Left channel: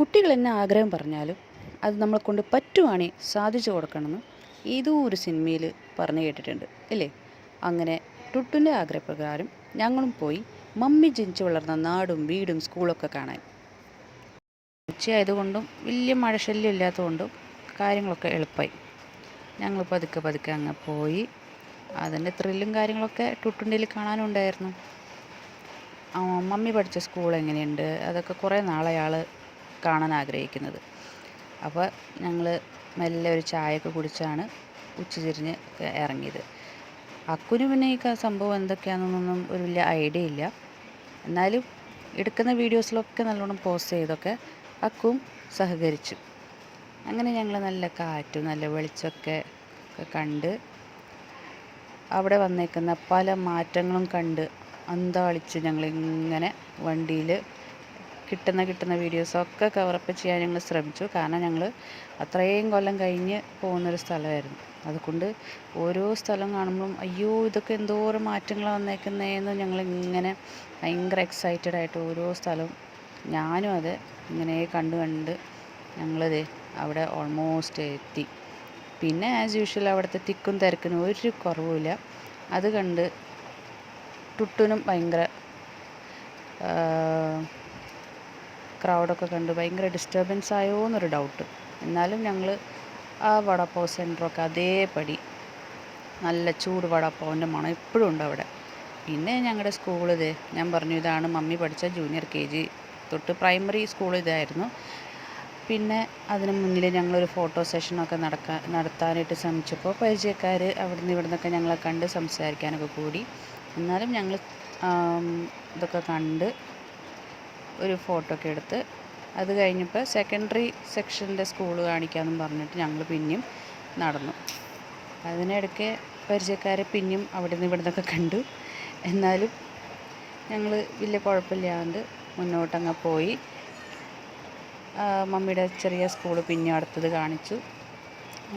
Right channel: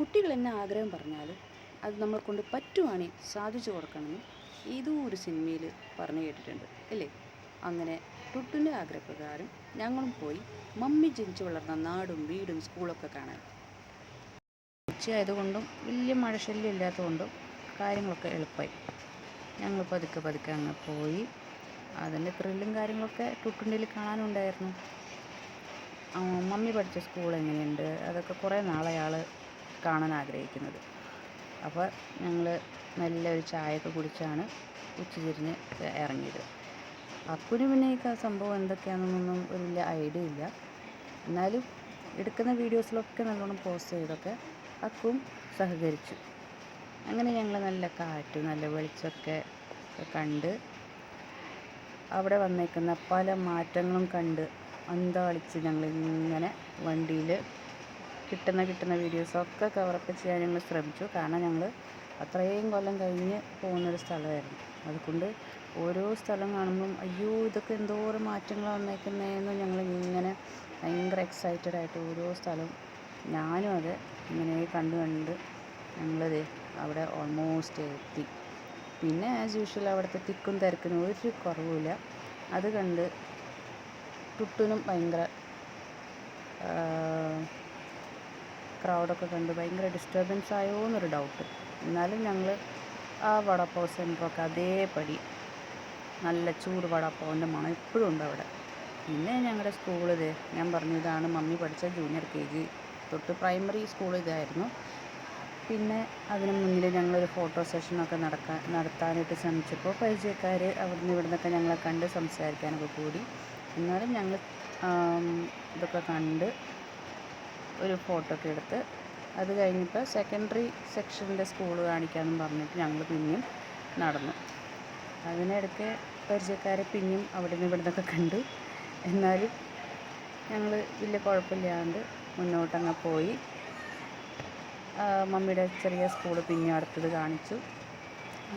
കുട്ടികൾ എന്നെ ആഗ്രഹം പറഞ്ഞാലും അത് നമ്മളെ കൊണ്ട് പറ്റുവാണെങ്കിൽ സാധിച്ചു കൊടുക്കണമെന്ന് ഏതോ ഒരു സിനിമയിൽ പറഞ്ഞു കേട്ടിട്ടുണ്ട് അല്ലേ? അങ്ങനെ ടുട്ടുൻ്റെ ആഗ്രഹപ്രകാരം ഞങ്ങളും പോയി മമ്മി ജനിച്ചു വളർന്ന നാടും വീടും സ്കൂളൊക്കെ കാണാൻ. ഉച്ചയായതുകൊണ്ടും വലിയ മഴശല്യം ഇല്ലാത്തതുകൊണ്ടും കാര്യങ്ങളൊക്കെ എളുപ്പമായി. ഞങ്ങൾ പതുക്കെ പതുക്കെ അങ്ങ് പോയി. അതിൻ്റെ ത്രില്ലും കാര്യങ്ങളൊക്കെ ടുട്ടുണ്ടിൽ കാണാനുണ്ടായിരുന്നു. മമ്മി പഠിച്ച സ്കൂൾ എങ്ങനെയുണ്ട് അതൊക്കെ കുറേ നാളെ ആൾ കാണാൻ ആഗ്രഹിക്കുന്നത്. അപ്പോൾ ഞങ്ങൾ മെല്ലെ ഒരു ചായയൊക്കെ കുടിച്ചാണ് ഉച്ചതിരിഞ്ഞ് ഇറങ്ങിയത്. അക്കുന് പിന്നെ ഈ സംഭവം എന്തൊക്കെയാണെന്നൊന്നും ഒരു വലിയ ഐഡിയ ഇല്ല. എന്നാലും എടുക്കുന്ന വീഡിയോസിലൊക്കെ നല്ലോണം പോസ്റ്റ് ചെയ്തൊക്കെ അക്കും സഹകരിച്ചു. അങ്ങനെ ഞങ്ങൾ നല്ല കാറ്റും നല്ല വെളിച്ചമൊക്കെ കണ്ട് അവിടെ വന്നേക്കുന്ന പല മാറ്റങ്ങളും കണ്ട് അന്താളിച്ച് ഞങ്ങളിങ്ങനെ വണ്ടിയിൽ കിട്ടുന്ന വീഡിയോസൊക്കെ കവറപ്പ് ചെയ്യാൻ ഞങ്ങൾ ശ്രമിച്ചു. കാരണം ഞങ്ങൾ അത്രയും കൊല്ലം കഴിഞ്ഞ് പോകുന്നൊരു സ്ഥലമായിരുന്നു. അതുകൊണ്ട് ഓരോ സ്ഥലം കാണുമ്പം അയ്യോ ഇതൊക്കെ എന്തോരം മാറ്റങ്ങളാണ് വന്നേക്കുന്നതെന്ന് ഞങ്ങളിങ്ങനെ ഭയങ്കര എക്സൈറ്റഡ് ആയിട്ട് ഓരോ സ്ഥലവും ഞാനും അത് ഇങ്ങനെ കണ്ട് ഞങ്ങളത് അവിടെ ഓൾമോസ്റ്റ് എത്തി. പിന്നെ ആസ് യൂഷ്വൽ അവിടുത്തെ തിക്കും തിരക്കിനും ഒരു കുറവുമില്ല. അത് കണ്ട് ടുട്ടുനും ഭയങ്കര ക്രൗഡൊക്കെ കണ്ട് ഭയങ്കര ഡിസ്റ്റർബൻസ് ആയോ എന്നൊരു ഡൗട്ട്. എന്നാലും ഞങ്ങൾ ആ വടാപ്പാവ് സെൻറ്ററൊക്കെ അതേപടി നല്ല ചൂട് വടാപ്പാവിൻ്റെ മണം എപ്പോഴും ഉണ്ട് അവിടെ. പിന്നെ ഞങ്ങളുടെ സ്കൂൾ ഞാൻ പറഞ്ഞു ഇതാണ് മമ്മി പഠിച്ച ജൂനിയർ KG തൊട്ട് പ്രൈമറി സ്കൂൾ ഇതായിരുന്നു. പിന്നെ അതിന് മുന്നിൽ ഞങ്ങളൊരു ഫോട്ടോ സെഷനൊക്കെ നടത്താനായിട്ട് ശ്രമിച്ചപ്പോൾ പരിചയക്കാർ അവിടുന്ന് ഇവിടുന്നൊക്കെ ഞങ്ങളെ കണ്ട് സംസാരിക്കാനൊക്കെ കൂടി. എന്നാലും ഞങ്ങൾ ഇതൊക്കെ കണ്ട് ഒരു ഫോട്ടോ ഒക്കെ എടുത്ത് അത് കഴിഞ്ഞപ്പോൾ സെക്കൻഡറി സെക്ഷൻ്റെ സ്കൂൾ കാണിക്കാമെന്നും പറഞ്ഞിട്ട് ഞങ്ങൾ പിന്നെയും നടന്നു. അതിനിടയ്ക്ക് പരിചയക്കാരെ പിന്നെയും അവിടെ നിന്ന് ഇവിടെ നിന്നൊക്കെ കണ്ടു. എന്നാലും ഞങ്ങൾ വലിയ കുഴപ്പമില്ലാണ്ട് മുന്നോട്ടങ്ങ് പോയി. മമ്മിയുടെ ചെറിയ സ്കൂൾ പിന്നെ അടുത്തത് കാണിച്ചു.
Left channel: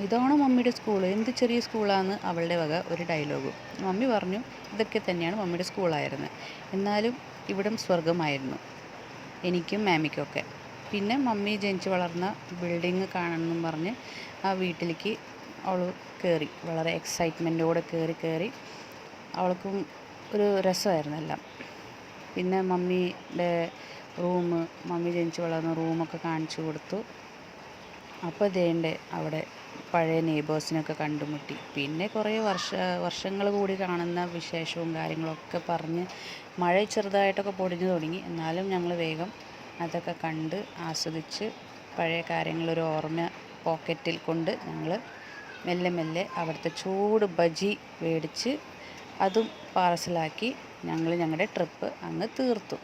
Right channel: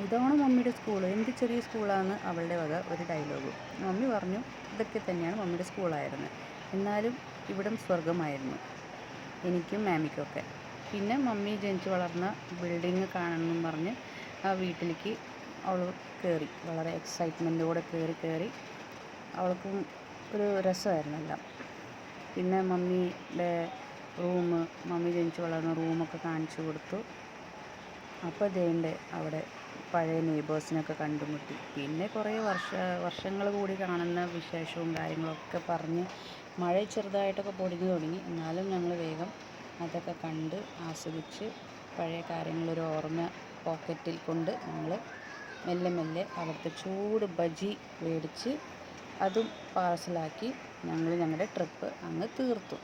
ഇതാണോ മമ്മിയുടെ സ്കൂൾ, എന്ത് ചെറിയ സ്കൂളാണെന്ന് അവളുടെ വക ഒരു ഡയലോഗ്. മമ്മി പറഞ്ഞു ഇതൊക്കെ തന്നെയാണ് മമ്മിയുടെ സ്കൂളായിരുന്നത്, എന്നാലും ഇവിടം സ്വർഗമായിരുന്നു എനിക്കും മാമിക്കൊക്കെ. പിന്നെ മമ്മി ജനിച്ച് വളർന്ന ബിൽഡിങ് കാണണമെന്നും പറഞ്ഞ് ആ വീട്ടിലേക്ക് അവൾ കയറി. വളരെ എക്സൈറ്റ്മെൻറ്റോടെ കയറി അവൾക്കും ഒരു രസമായിരുന്നു എല്ലാം. പിന്നെ മമ്മിയുടെ മമ്മി ജനിച്ച് വളർന്ന റൂമൊക്കെ കാണിച്ചു കൊടുത്തു. അപ്പോൾ ദേണ്ടേ അവിടെ പഴയ നെയ്ബേഴ്സിനൊക്കെ കണ്ടുമുട്ടി. പിന്നെ കുറേ വർഷങ്ങൾ കൂടി കാണുന്ന വിശേഷവും കാര്യങ്ങളൊക്കെ പറഞ്ഞ് മഴ ചെറുതായിട്ടൊക്കെ പൊടിഞ്ഞു തുടങ്ങി. എന്നാലും ഞങ്ങൾ വേഗം അതൊക്കെ കണ്ട് ആസ്വദിച്ച് പഴയ കാര്യങ്ങളൊരു ഓർമ്മ പോക്കറ്റിൽ കൊണ്ട് ഞങ്ങൾ മെല്ലെ മെല്ലെ അവിടുത്തെ ചൂട് ബജി മേടിച്ച് അതും പാർസലാക്കി ഞങ്ങൾ ഞങ്ങളുടെ ട്രിപ്പ് അങ്ങ് തീർത്തു.